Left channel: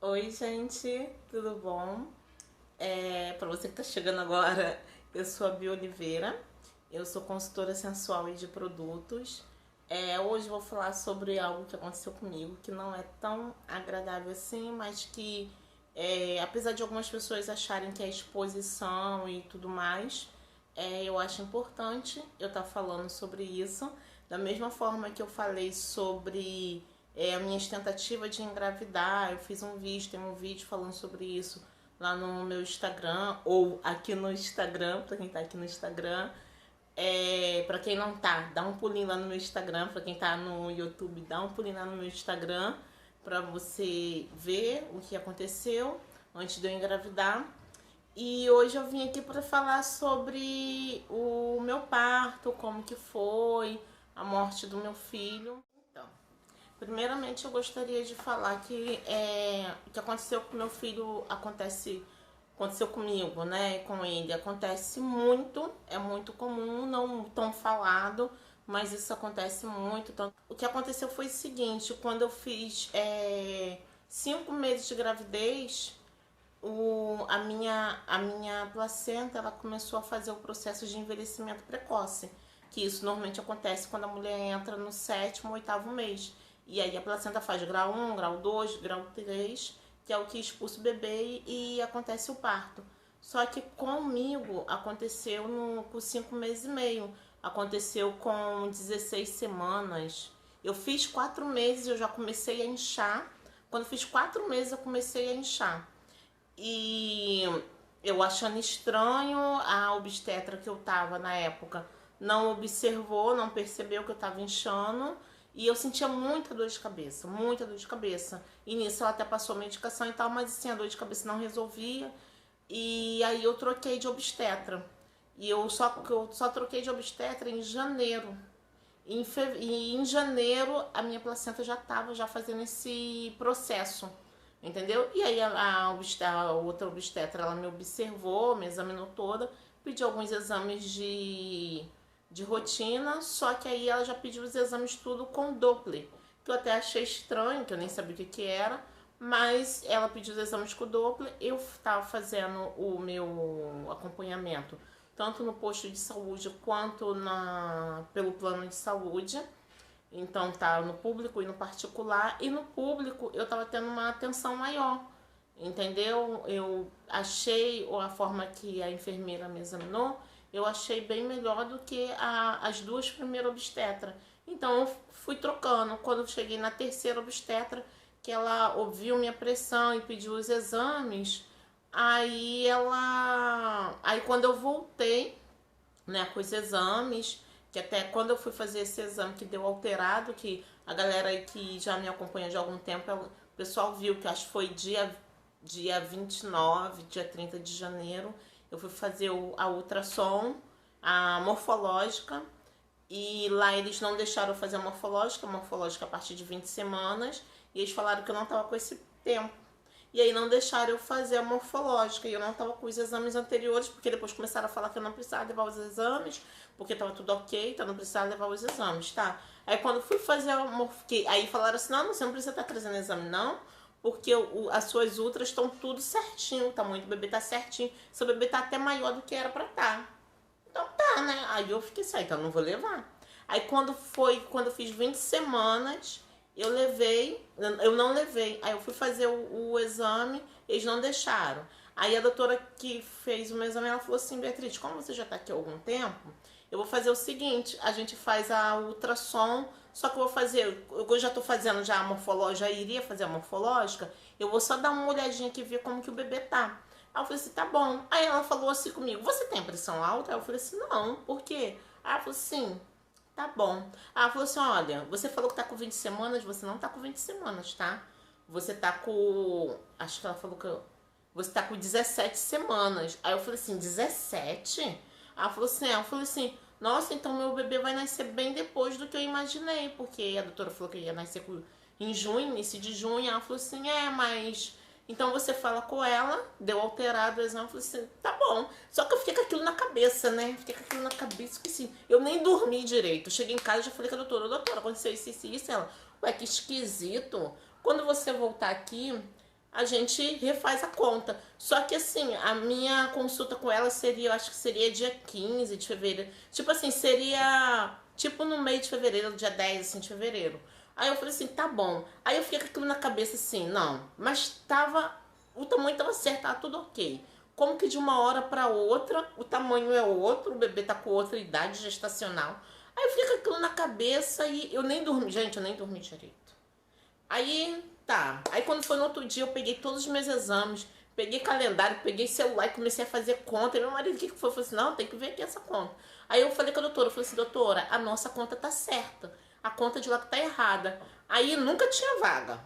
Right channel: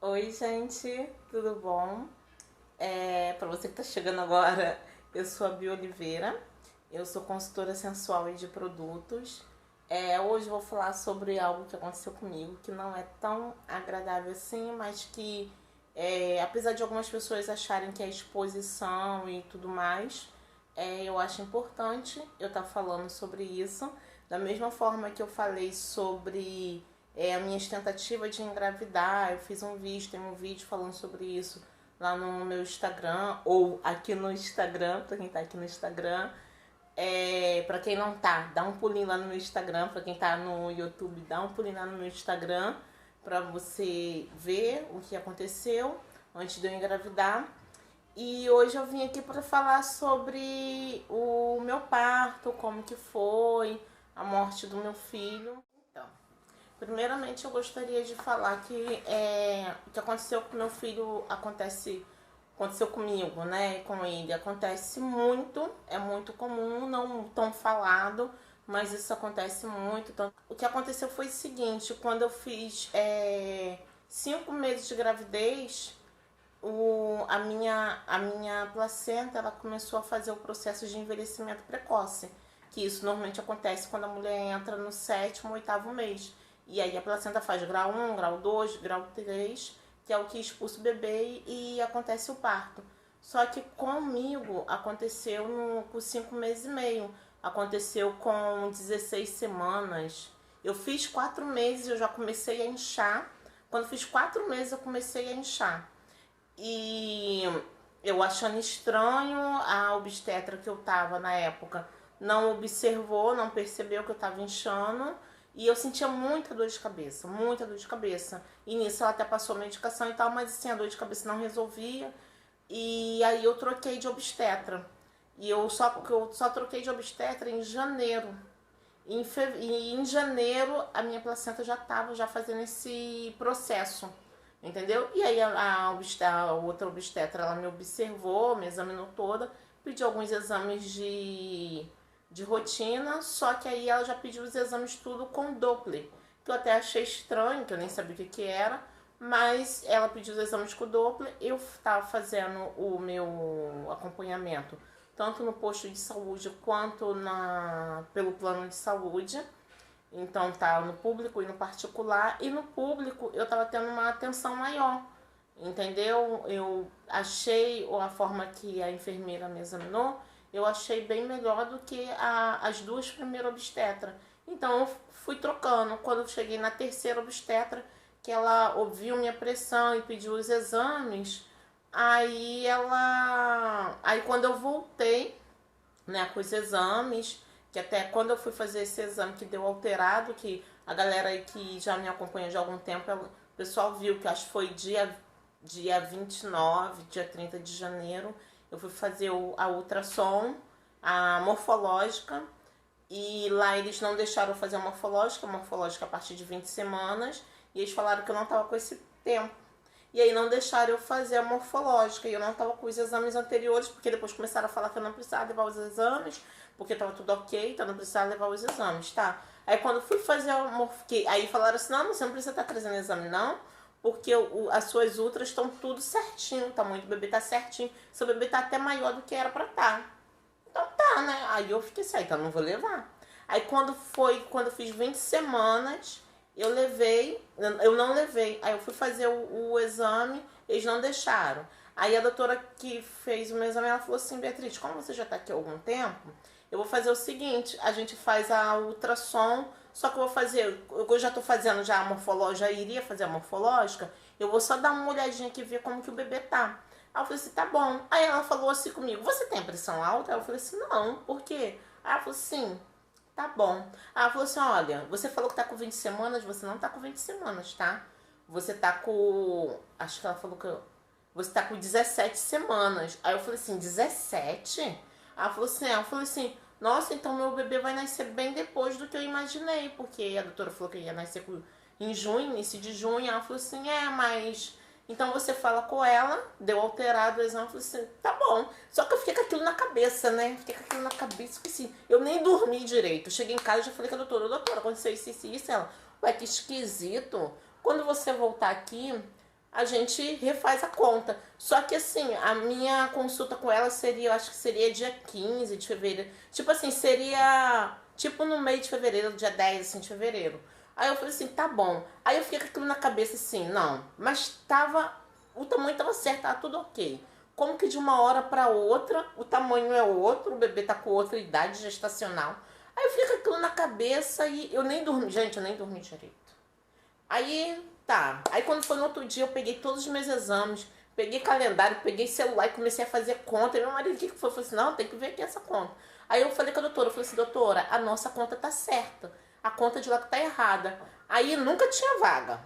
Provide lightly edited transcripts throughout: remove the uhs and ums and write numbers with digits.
Oi, gente, tudo bom? Para você que está chegando agora, eu sou a Bia Oliveira, eu sou consultora sensual e de produtos. Hoje eu vou falar sobre algo que aconteceu comigo, que não é tão agradável assim, mas que, apesar de algumas pessoas acharem que é exposição e tudo mais, eu acho importante eu estar falando sobre isso. Da mesma forma que eu falei sobre as minhas tentativas de engravidar, eu fiz um vídeo, tem um vídeo falando sobre isso lá no meu Instagram, ou aqui no Instagram, pra quem tá aqui no Instagram. Pra quem não tá, dá um pulinho lá no meu Instagram. Pra quem tá no YouTube, dá um pulinho lá no meu Instagram pra você ver o que aconteceu antes de eu engravidar. E hoje eu vim aqui para falar sobre o meu parto, como que foi, a morte do meu filho. Então, primeiramente eu gostaria de falar que o que aconteceu com meu filho aconteceu comigo, né? Com ele acontece muito, é muito comum, não tão falado, mas isso acontece muito. Então, o que aconteceu foi o seguinte: quando eu fiz 5 meses de gravidez, a minha placenta ela começou a fazer o processo de envelhecimento precoce, que isso normalmente acontece quando a mulher entra no sétimo, oitavo mês. E aí a placenta faz grau 1, grau 2, grau 3, que é o que expulsa o bebê e acontece o parto. Só que comigo aconteceu com 5 meses e meio, aconteceu com 16 semanas. Eu fiz 4 meses e eu já comecei a inchar. Quando fiz 4 meses eu comecei a inchar. E eu achando estranho, a obstetra que eu tava na época não observou, não percebeu que eu tava inchando. E eu sentia muita dor de cabeça, muita dor de cabeça. E nisso ela até passou medicação e tal, mas assim, a dor de cabeça não resolvia. E aí eu troquei de obstetra. E eu só troquei de obstetra em janeiro. E em janeiro a minha placenta já estava já fazendo esse processo, entendeu? E aí a outra obstetra ela me observou, me examinou toda, pediu alguns exames de rotina, só que aí ela já pediu os exames tudo com Doppler, que eu até achei estranho, que eu nem sabia o que era, mas ela pediu os exames com Doppler, eu estava fazendo o meu acompanhamento tanto no posto de saúde quanto pelo plano de saúde. Então tá no público e no particular. E no público eu tava tendo uma atenção maior. Entendeu? Eu achei a forma que a enfermeira me examinou, eu achei bem melhor do que as duas primeiras obstetras. Então eu fui trocando. Quando eu cheguei na terceira obstetra, que ela ouviu minha pressão e pediu os exames, aí quando eu voltei, né, com os exames, que até quando eu fui fazer esse exame que deu alterado, que a galera aí que já me acompanha de algum tempo, o pessoal viu que acho que foi dia 29, dia 30 de janeiro, eu fui fazer a ultrassom, a morfológica, e lá eles não deixaram eu fazer a morfológica a partir de 20 semanas, e eles falaram que eu não estava com esse tempo. E aí não deixaram eu fazer a morfológica. E eu não estava com os exames anteriores, porque depois começaram a falar que eu não precisava levar os exames, porque estava tudo ok, então não precisava levar os exames, tá? Aí quando eu fui fazer a morfológica, aí falaram assim, não, você não precisa estar trazendo exame, não, porque as suas ultras estão tudo certinho, o tamanho do bebê tá certinho, seu bebê tá até maior do que era pra estar. Tá. Então tá, né? Aí eu fiquei assim, então não vou levar. Aí quando eu fiz 20 semanas, eu não levei. Aí eu fui fazer o exame, eles não deixaram. Aí a doutora que fez o meu exame, ela falou assim, Beatriz, como você já tá aqui há algum tempo, eu vou fazer o seguinte, a gente faz a ultrassom, só que eu já tô fazendo já a morfológica, já iria fazer a morfológica, eu vou só dar uma olhadinha aqui e ver como que o bebê tá. Aí eu falei assim, tá bom. Aí ela falou assim comigo, você tem pressão alta? Aí eu falei assim, não, por quê? Aí ela falou assim, tá bom. Aí ela falou assim, olha, você falou que tá com 20 semanas, você não tá com 20 semanas, tá? Você tá com, acho que ela falou que você tá com 17 semanas. Aí eu falei assim, 17? Aí ela falou assim, eu falei assim, nossa, então meu bebê vai nascer bem depois do que eu imaginei, porque a doutora falou que ia nascer em junho, início de junho. Ela falou assim, mas então você fala com ela, deu alterado o exame, falei assim, tá bom. Só que eu fiquei com aquilo na cabeça, né? Fiquei com aquilo na cabeça, que assim, eu nem dormi direito. Eu cheguei em casa e já falei com a doutora, aconteceu isso, isso, isso. Ela, ué, que esquisito. Quando você voltar aqui, a gente refaz a conta. Só que assim, a minha consulta com ela seria, eu acho que seria dia 15 de fevereiro. Tipo assim, seria tipo no meio de fevereiro, dia 10 assim, de fevereiro. Aí eu falei assim, tá bom. Aí eu fiquei com aquilo na cabeça assim, não, mas tava, o tamanho tava certo, tava tudo ok. Como que de uma hora pra outra, o tamanho é outro, o bebê tá com outra idade gestacional. Aí eu fiquei com aquilo na cabeça e eu nem dormi, gente, eu nem dormi direito. Aí, tá. Aí quando foi no outro dia, eu peguei todos os meus exames, peguei calendário, peguei celular e comecei a fazer conta. E meu marido, o que foi? Falou assim, não, tem que ver aqui essa conta. Aí eu falei com a doutora, eu falei assim, doutora, a nossa conta tá certa. A conta de lá tá errada. Aí nunca tinha vaga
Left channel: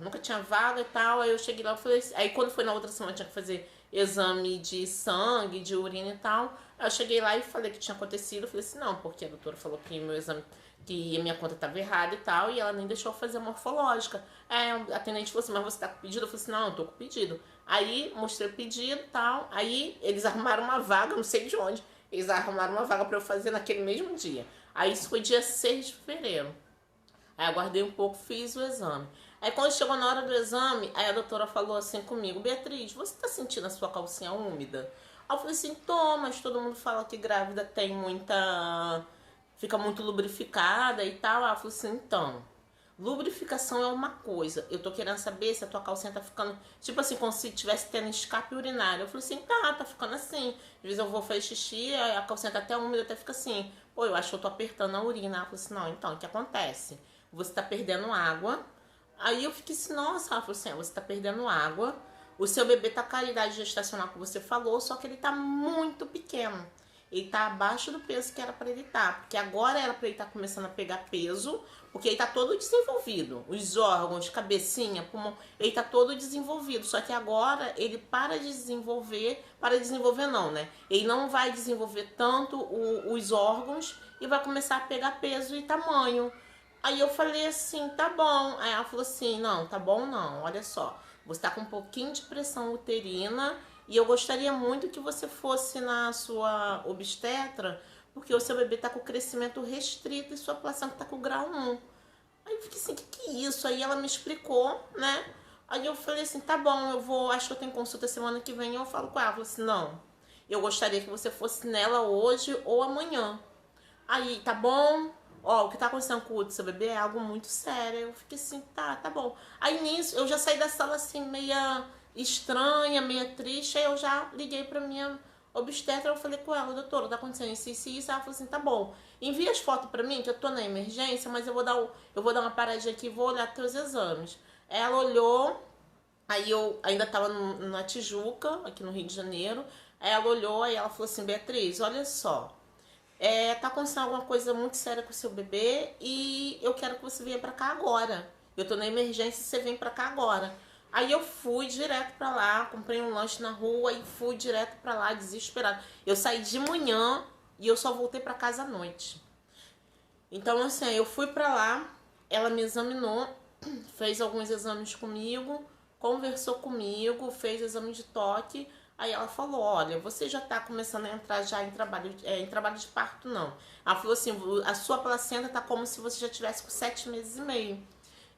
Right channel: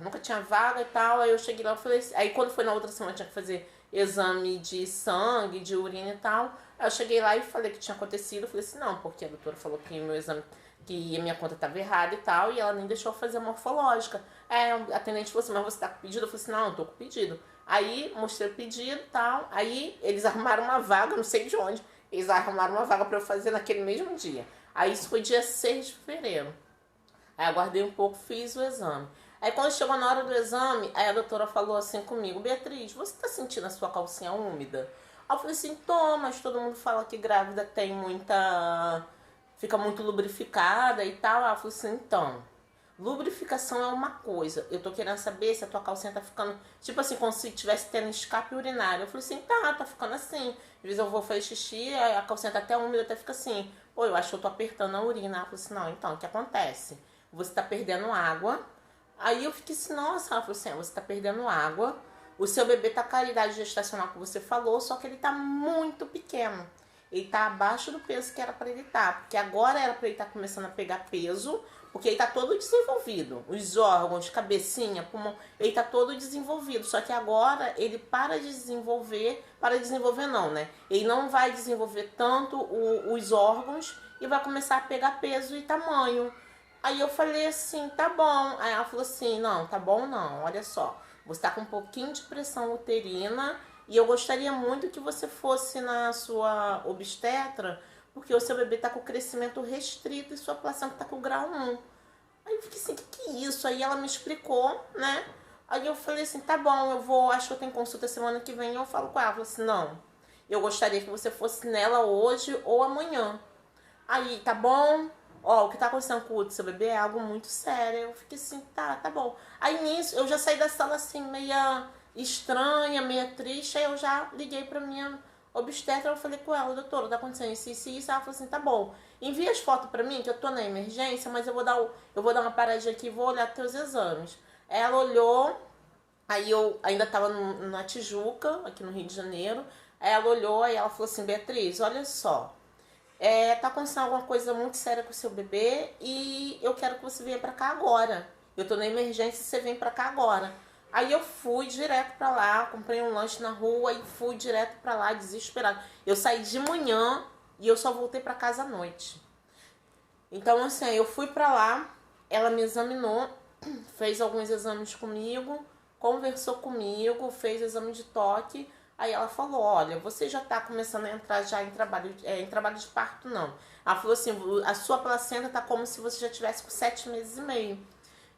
e tal. Aí eu cheguei lá e falei assim, aí quando foi na outra semana, tinha que fazer exame de sangue, de urina e tal. Aí eu cheguei lá e falei que tinha acontecido. Eu falei assim, não, porque a doutora falou que meu exame, que a minha conta estava errada e tal, e ela nem deixou eu fazer a morfológica. É, a atendente falou assim, mas você tá com pedido? Eu falei assim, não, eu tô com pedido. Aí mostrei o pedido e tal. Aí eles arrumaram uma vaga, não sei de onde. Eles arrumaram uma vaga para eu fazer naquele mesmo dia. Aí isso foi dia 6 de fevereiro. Aí aguardei um pouco, fiz o exame. Aí quando chegou na hora do exame, aí a doutora falou assim comigo, Beatriz, você tá sentindo a sua calcinha úmida? Aí eu falei assim, tô, mas todo mundo fala que grávida tem muita... fica muito lubrificada e tal. Ela falou assim, então, lubrificação é uma coisa. Eu tô querendo saber se a tua calcinha tá ficando, tipo assim, como se tivesse tendo escape urinário. Eu falei assim, tá ficando assim. Às vezes eu vou fazer xixi, a calcinha tá até úmida, até fica assim. Pô, eu acho que eu tô apertando a urina. Ela falou assim, não, então, o que acontece? Você tá perdendo água. Aí eu fiquei assim, nossa, ela falou assim, você tá perdendo água. O seu bebê tá com a idade gestacional que você falou, só que ele tá muito pequeno. Ele tá abaixo do peso que era para ele estar. Porque agora era para ele estar começando a pegar peso, porque ele tá todo desenvolvido. Os órgãos, cabecinha, pulmão, ele tá todo desenvolvido. Só que agora ele para de desenvolver não, né? Ele não vai desenvolver tanto os órgãos e vai começar a pegar peso e tamanho. Aí eu falei assim, tá bom. Aí ela falou assim, não, tá bom não, olha só. Você tá com um pouquinho de pressão uterina e eu gostaria muito que você fosse na sua obstetra, porque o seu bebê tá com crescimento restrito e sua placenta tá com grau 1. Aí eu fiquei assim, que é isso? Aí ela me explicou, né? Aí eu falei assim, tá bom, eu vou, acho que eu tenho consulta semana que vem, eu falo com ela. Ela falou assim, não, eu gostaria que você fosse nela hoje ou amanhã. Aí, tá bom? Ó, o que tá acontecendo com o seu bebê é algo muito sério. Eu fiquei assim, tá bom. Aí nisso, eu já saí da sala assim, meia estranha, meia triste. Aí eu já liguei pra minha obstetra. Eu falei com ela, doutora, tá acontecendo isso. Ela falou assim, tá bom. Envia as fotos pra mim, que eu tô na emergência, mas eu vou dar uma paradinha aqui e vou olhar teus exames. Ela olhou, aí eu ainda tava na Tijuca, aqui no Rio de Janeiro. Aí ela olhou, aí ela falou assim, Beatriz, olha só. Tá acontecendo alguma coisa muito séria com o seu bebê e eu quero que você venha pra cá agora. Eu tô na emergência e você vem pra cá agora. Aí eu fui direto pra lá, comprei um lanche na rua e fui direto pra lá, desesperado. Eu saí de manhã e eu só voltei pra casa à noite. Então, assim, eu fui pra lá, ela me examinou, fez alguns exames comigo, conversou comigo, fez exame de toque. Aí ela falou, olha, você já tá começando a entrar já em trabalho de parto, não. Ela falou assim, a sua placenta tá como se você já tivesse com 7 meses e meio.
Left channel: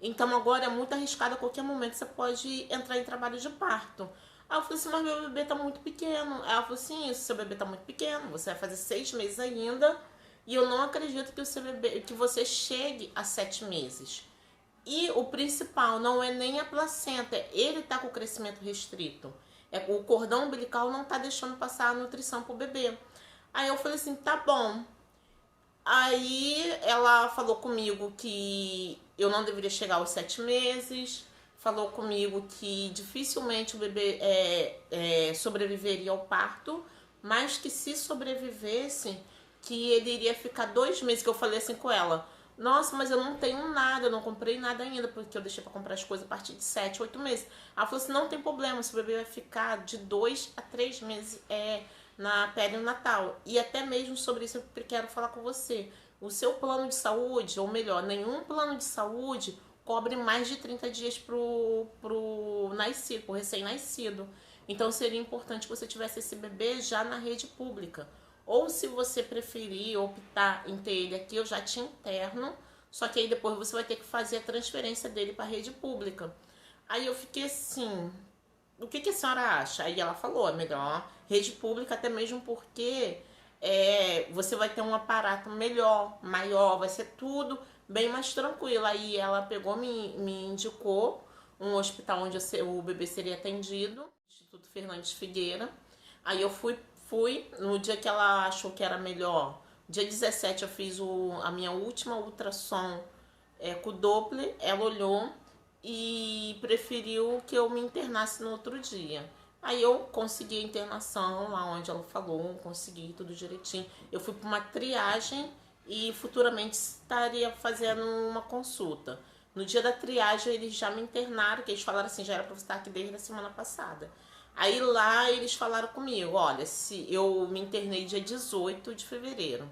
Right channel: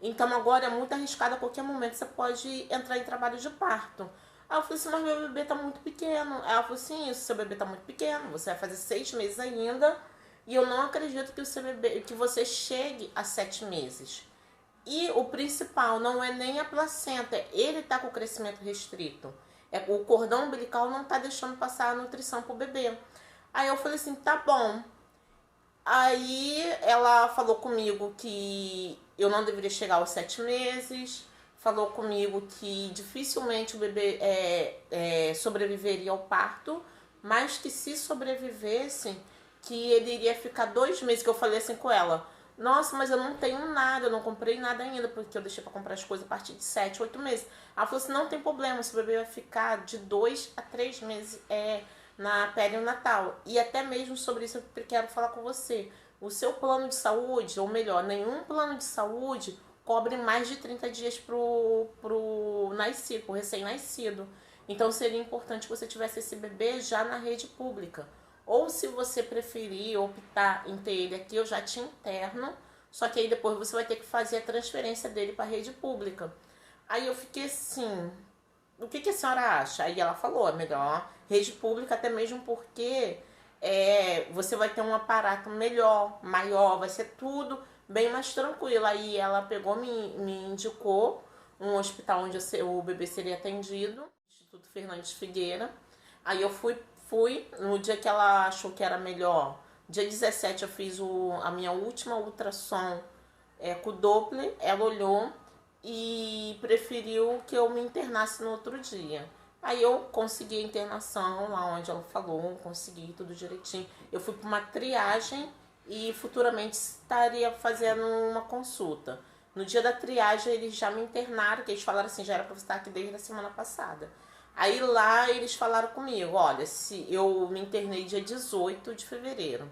Então agora é muito arriscado, a qualquer momento você pode entrar em trabalho de parto. Aí eu falei assim, mas meu bebê tá muito pequeno. Aí ela falou assim, isso, seu bebê tá muito pequeno, você vai fazer 6 meses ainda. E eu não acredito que o seu bebê, que você chegue a 7 meses. E o principal não é nem a placenta, ele tá com crescimento restrito. O cordão umbilical não tá deixando passar a nutrição pro bebê. Aí eu falei assim, tá bom. Aí ela falou comigo que eu não deveria chegar aos 7 meses. Falou comigo que dificilmente o bebê sobreviveria ao parto. Mas que se sobrevivesse, que ele iria ficar 2 meses. Que eu falei assim com ela. Nossa, mas eu não tenho nada, eu não comprei nada ainda, porque eu deixei pra comprar as coisas a partir de 7, 8 meses. Ela falou assim, não tem problema, esse bebê vai ficar de 2 a 3 meses na perinatal. E até mesmo sobre isso eu quero falar com você. O seu plano de saúde, ou melhor, nenhum plano de saúde cobre mais de 30 dias pro nascido, pro recém-nascido. Então seria importante que você tivesse esse bebê já na rede pública. Ou se você preferir optar em ter ele aqui, eu já te interno, só que aí depois você vai ter que fazer a transferência dele para a rede pública. Aí eu fiquei assim, o que a senhora acha? Aí ela falou, é melhor rede pública, até mesmo porque você vai ter um aparato melhor, maior, vai ser tudo bem mais tranquilo. Aí ela pegou, me indicou um hospital onde o bebê seria atendido, Instituto Fernandes Figueira. Aí eu fui no dia que ela achou que era melhor. Dia 17 eu fiz a minha última ultrassom com o Doppler. Ela olhou e preferiu que eu me internasse no outro dia. Aí eu consegui a internação lá onde ela falou, consegui tudo direitinho. Eu fui para uma triagem e futuramente estaria fazendo uma consulta. No dia da triagem eles já me internaram, que eles falaram assim, já era para você estar aqui desde a semana passada. Aí lá eles falaram comigo, olha, se eu me internei dia 18 de fevereiro.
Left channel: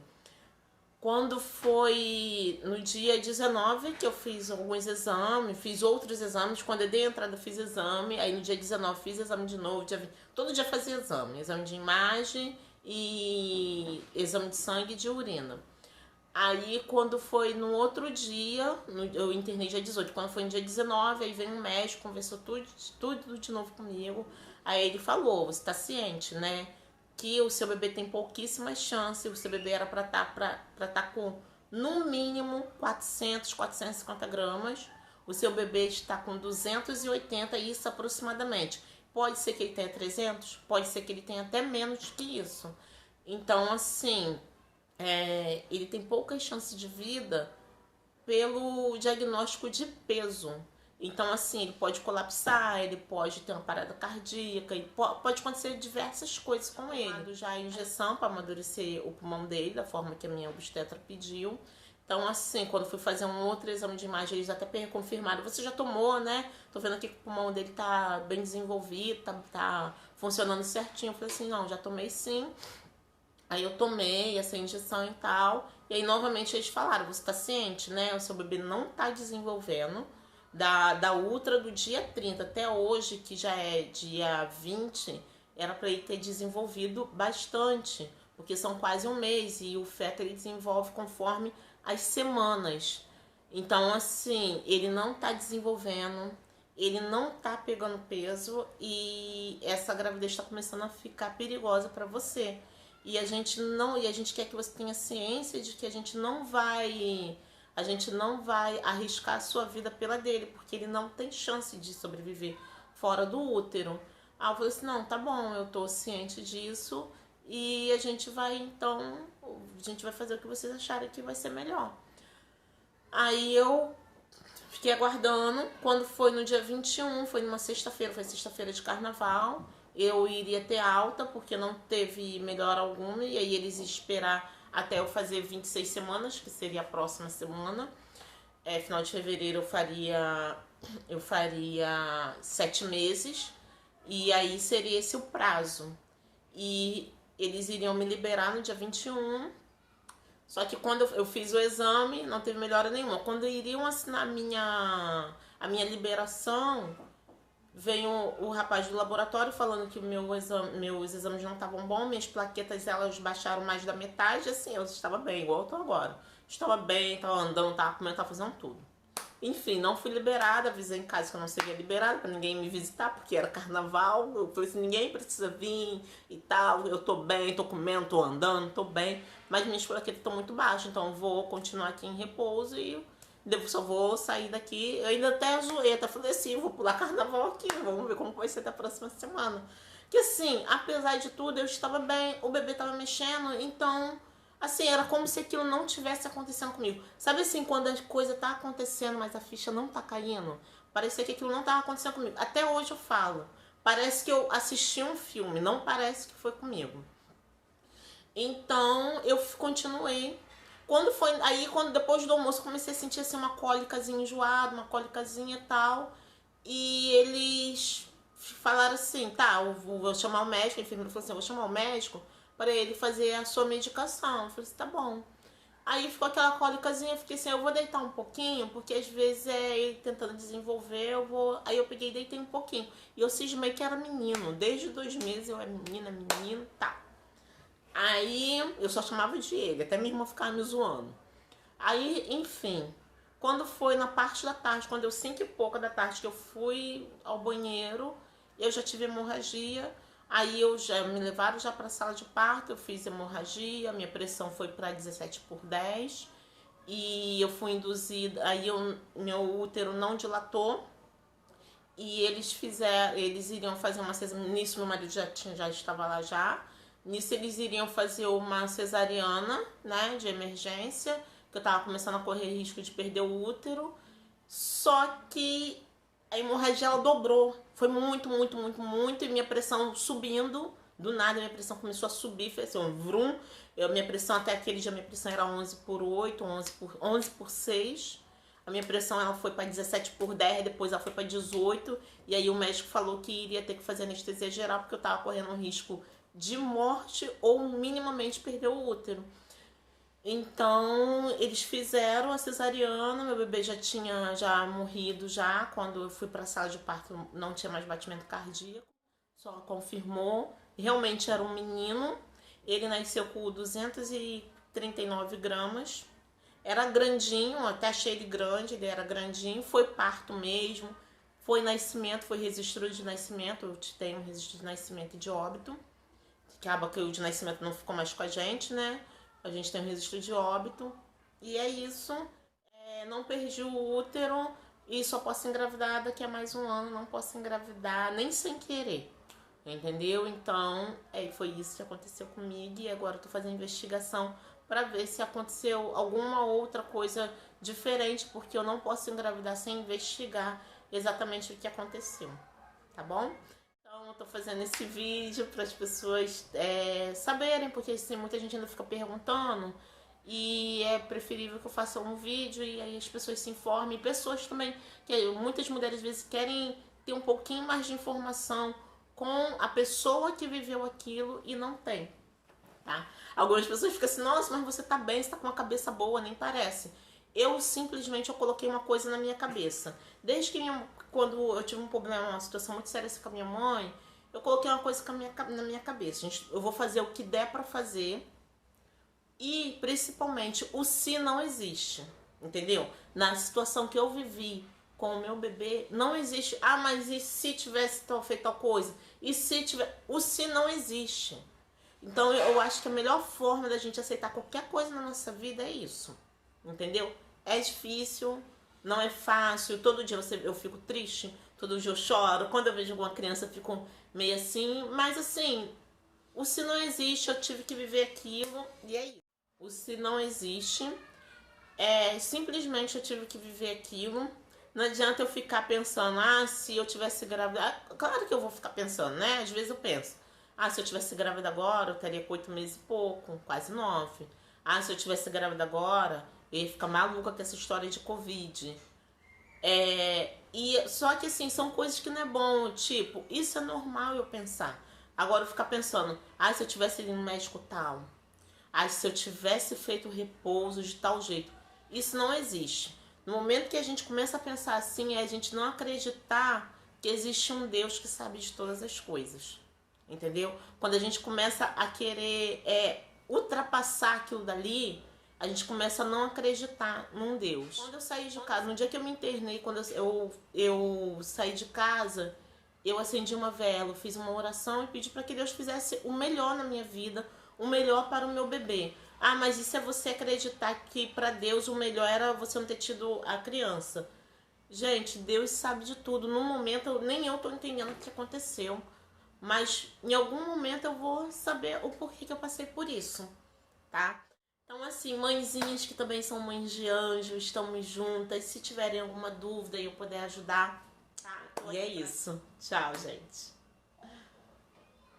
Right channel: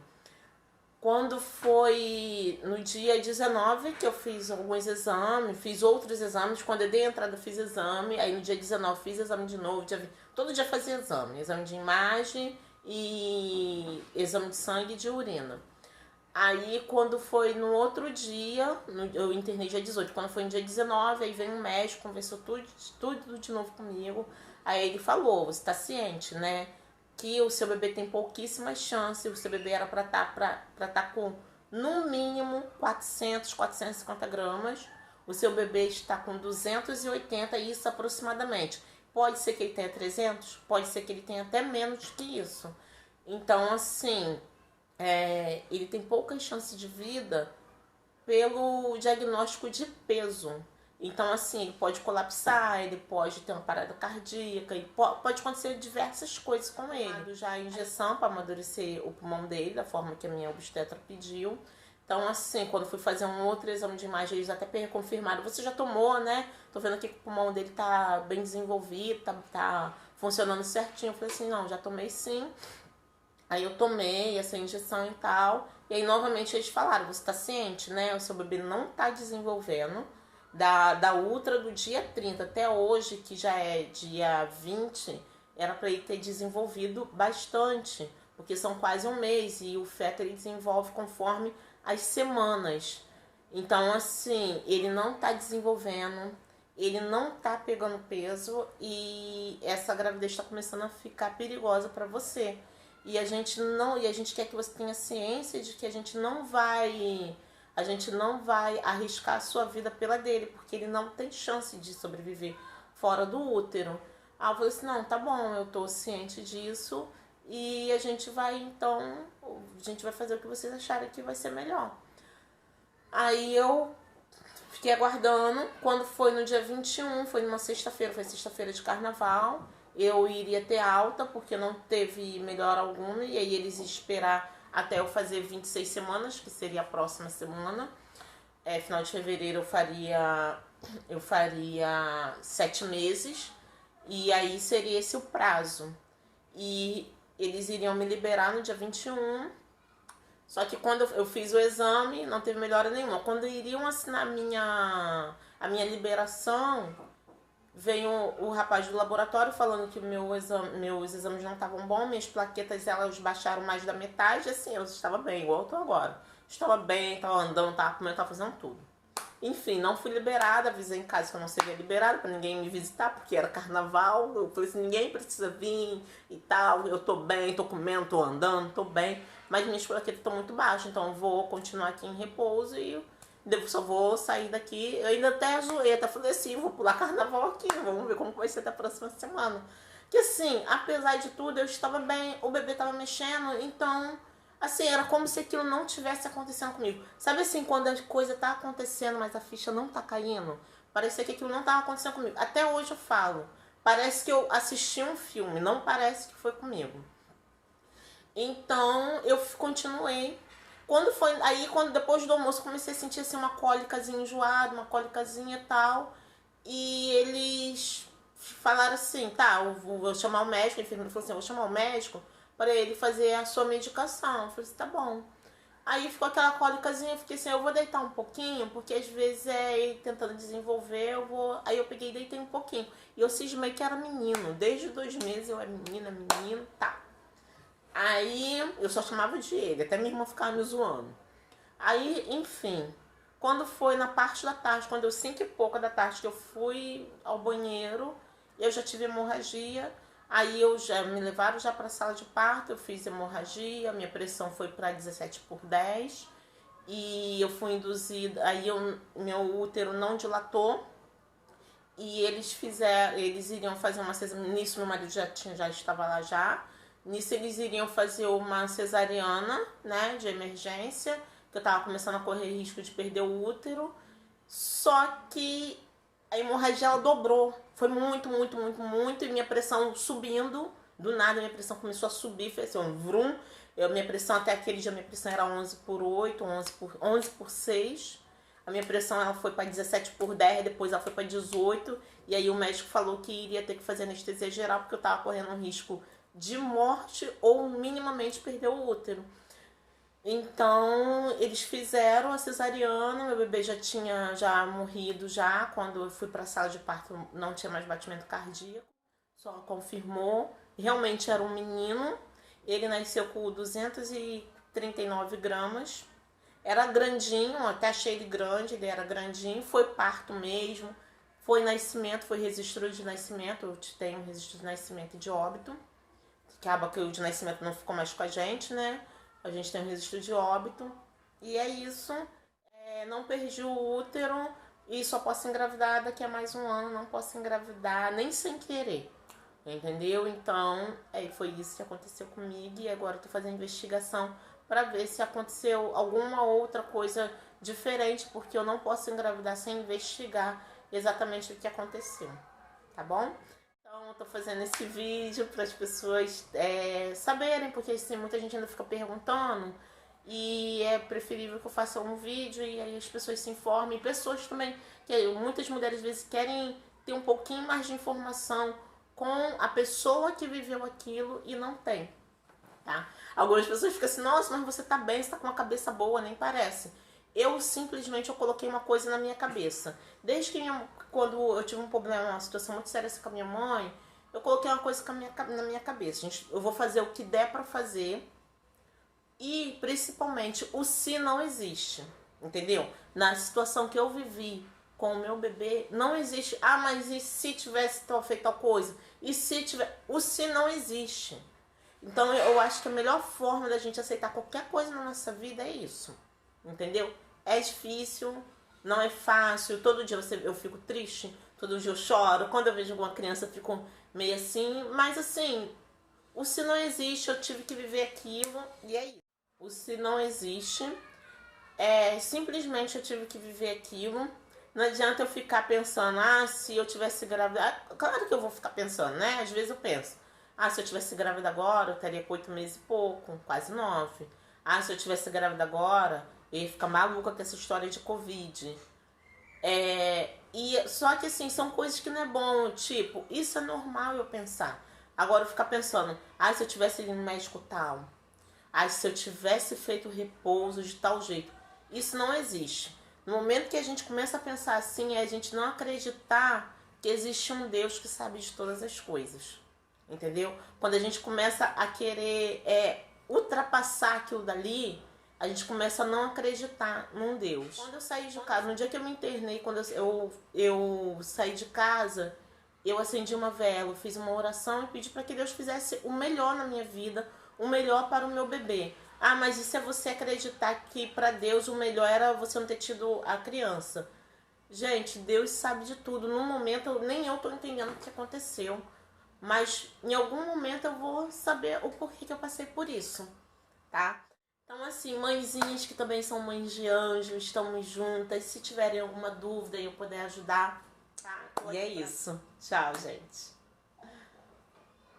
Quando foi no dia 19 que eu fiz alguns exames, fiz outros exames, quando eu dei a entrada eu fiz exame, aí no dia 19 fiz exame de novo, todo dia fazia exame de imagem e exame de sangue e de urina. Aí quando foi no outro dia, eu internei dia 18, quando foi no dia 19, aí veio um médico, conversou tudo de novo comigo, aí ele falou, você tá ciente, né? Que o seu bebê tem pouquíssimas chances, o seu bebê era para tá com no mínimo 450 gramas, o seu bebê está com 280, isso aproximadamente. Pode ser que ele tenha 300, pode ser que ele tenha até menos que isso. Então, assim, ele tem poucas chances de vida pelo diagnóstico de peso. Então, assim, ele pode colapsar, ele pode ter uma parada cardíaca, e pode acontecer diversas coisas com ele. Já a injeção para amadurecer o pulmão dele, da forma que a minha obstetra pediu. Então, assim, quando fui fazer um outro exame de imagem, eles até confirmaram, você já tomou, né? Tô vendo aqui que o pulmão dele tá bem desenvolvido, tá funcionando certinho. Eu falei assim, não, já tomei sim. Aí eu tomei essa injeção e tal. E aí, novamente, eles falaram, você tá ciente, né? O seu bebê não tá desenvolvendo. Da ultra do dia 30 até hoje, que já é dia 20, era para ele ter desenvolvido bastante, porque são quase um mês e o feto ele desenvolve conforme as semanas. Então, assim, ele não tá desenvolvendo, ele não tá pegando peso e essa gravidez está começando a ficar perigosa para você. E a gente quer que você tenha ciência de que a gente não vai arriscar a sua vida pela dele, porque ele não tem chance de sobreviver fora do útero. Aí eu falei assim, não, tá bom, eu tô ciente disso e a gente vai fazer o que vocês acharem que vai ser melhor. Aí eu fiquei aguardando, quando foi no dia 21, foi numa sexta-feira, foi sexta-feira de carnaval, eu iria ter alta, porque não teve melhora alguma, e aí eles iam esperar até eu fazer 26 semanas, que seria a próxima semana. Final de fevereiro eu faria 7 meses, e aí seria esse o prazo. E eles iriam me liberar no dia 21, só que quando eu fiz o exame, não teve melhora nenhuma. Quando iriam assinar a minha liberação, veio o rapaz do laboratório falando que meus exames não estavam bons, minhas plaquetas elas baixaram mais da metade, assim, eu estava bem, igual eu tô agora. Estava bem, estava andando, estava comendo, estava fazendo tudo. Enfim, não fui liberada, avisei em casa que eu não seria liberada para ninguém me visitar, porque era carnaval. Eu falei assim, ninguém precisa vir e tal, eu tô bem, tô comendo, tô andando, tô bem. Mas minhas plaquetas estão muito baixas, então eu vou continuar aqui em repouso e só vou sair daqui. Eu ainda até zoei, até falei assim, vou pular carnaval aqui, vamos ver como vai ser até a próxima semana. Que assim, apesar de tudo, eu estava bem, o bebê estava mexendo, então, assim, era como se aquilo não tivesse acontecendo comigo. Sabe assim, quando a coisa tá acontecendo, mas a ficha não tá caindo? Parecia que aquilo não tava acontecendo comigo. Até hoje eu falo, parece que eu assisti um filme, não parece que foi comigo. Então, eu continuei. Quando depois do almoço comecei a sentir assim uma cólicazinha enjoada, uma cólicazinha e tal. E eles falaram assim, tá, eu vou chamar o médico, a enfermeira falou assim, eu vou chamar o médico para ele fazer a sua medicação. Eu falei assim, tá bom. Aí ficou aquela cólicazinha, eu fiquei assim, eu vou deitar um pouquinho, porque às vezes ele tentando desenvolver, eu vou. Aí eu peguei e deitei um pouquinho. E eu cismei que era menino. Desde 2 meses eu era menino, tá. Aí eu só chamava de ele, até minha irmã ficava me zoando. Aí, enfim, quando foi na parte da tarde, quando eu 5 e pouca da tarde que eu fui ao banheiro, eu já tive hemorragia. Aí eu já me levaram já para a sala de parto, eu fiz hemorragia, minha pressão foi para 17/10 e eu fui induzida, aí meu útero não dilatou e eles iriam fazer uma cesariana, nisso meu marido já estava lá já, nisso eles iriam fazer uma cesariana, né, de emergência, que eu estava começando a correr risco de perder o útero, só que a hemorragia ela dobrou. Foi muito, muito, muito, muito. E minha pressão subindo. Do nada, minha pressão começou a subir. Fez assim, um vrum. Minha pressão até aquele dia, minha pressão era 11/8, 11/6. A minha pressão ela foi para 17/10, depois ela foi para 18. E aí o médico falou que iria ter que fazer anestesia geral, porque eu estava correndo um risco de morte ou minimamente perder o útero. Então, eles fizeram a cesariana, meu bebê já tinha morrido já, quando eu fui para a sala de parto não tinha mais batimento cardíaco, só confirmou, realmente era um menino, ele nasceu com 239 gramas, era grandinho, até achei ele grande, ele era grandinho, foi parto mesmo, foi nascimento, foi registro de nascimento, eu tenho um registro de nascimento e de óbito, que acaba que o de nascimento não ficou mais com a gente, né? A gente tem um registro de óbito. E é isso. Não perdi o útero e só posso engravidar daqui a mais um ano. Não posso engravidar nem sem querer. Entendeu? Então, foi isso que aconteceu comigo. E agora eu tô fazendo investigação para ver se aconteceu alguma outra coisa diferente. Porque eu não posso engravidar sem investigar exatamente o que aconteceu. Tá bom? Então, eu tô fazendo esse vídeo para as pessoas saberem, porque assim, muita gente ainda fica perguntando e é preferível que eu faça um vídeo e aí as pessoas se informem. Pessoas também, que muitas mulheres às vezes querem ter um pouquinho mais de informação com a pessoa que viveu aquilo e não tem, tá? Algumas pessoas ficam assim, nossa, mas você tá bem, você tá com uma cabeça boa, nem parece. Eu simplesmente coloquei uma coisa na minha cabeça. Desde que quando eu tive um problema, uma situação muito séria com a minha mãe, eu coloquei uma coisa na minha cabeça. Eu vou fazer o que der pra fazer e, principalmente, o se não existe, entendeu? Na situação que eu vivi com o meu bebê, não existe, mas e se tivesse feito tal coisa? E se tiver... O se não existe. Então, eu acho que a melhor forma da gente aceitar qualquer coisa na nossa vida é isso, entendeu? É difícil, não é fácil, todo dia eu fico triste, todo dia eu choro, quando eu vejo alguma criança eu fico meio assim, mas assim, o se não existe, eu tive que viver aquilo e é isso. O se não existe, simplesmente eu tive que viver aquilo. Não adianta eu ficar pensando, se eu tivesse grávida, claro que eu vou ficar pensando, né? Às vezes eu penso, se eu tivesse grávida agora, eu estaria com 8 meses e pouco, quase 9. Se eu tivesse grávida agora, eu ia ficar maluca com essa história de Covid. Só que assim, são coisas que não é bom, tipo, isso é normal eu pensar. Agora eu ficar pensando, se eu tivesse ido no médico tal, se eu tivesse feito repouso de tal jeito. Isso não existe. No momento que a gente começa a pensar assim, é a gente não acreditar que existe um Deus que sabe de todas as coisas. Entendeu? Quando a gente começa a querer ultrapassar aquilo dali, a gente começa a não acreditar num Deus. Quando eu saí de casa, no dia que eu me internei, quando eu saí de casa, eu acendi uma vela, fiz uma oração e pedi para que Deus fizesse o melhor na minha vida, o melhor para o meu bebê. Mas isso é você acreditar que para Deus o melhor era você não ter tido a criança. Gente, Deus sabe de tudo. No momento, nem eu tô entendendo o que aconteceu. Mas em algum momento eu vou saber o porquê que eu passei por isso, tá? Então assim, mãezinhas que também são mães de anjo, estamos juntas. Se tiverem alguma dúvida e eu puder ajudar, tá? E é isso. Tchau, gente.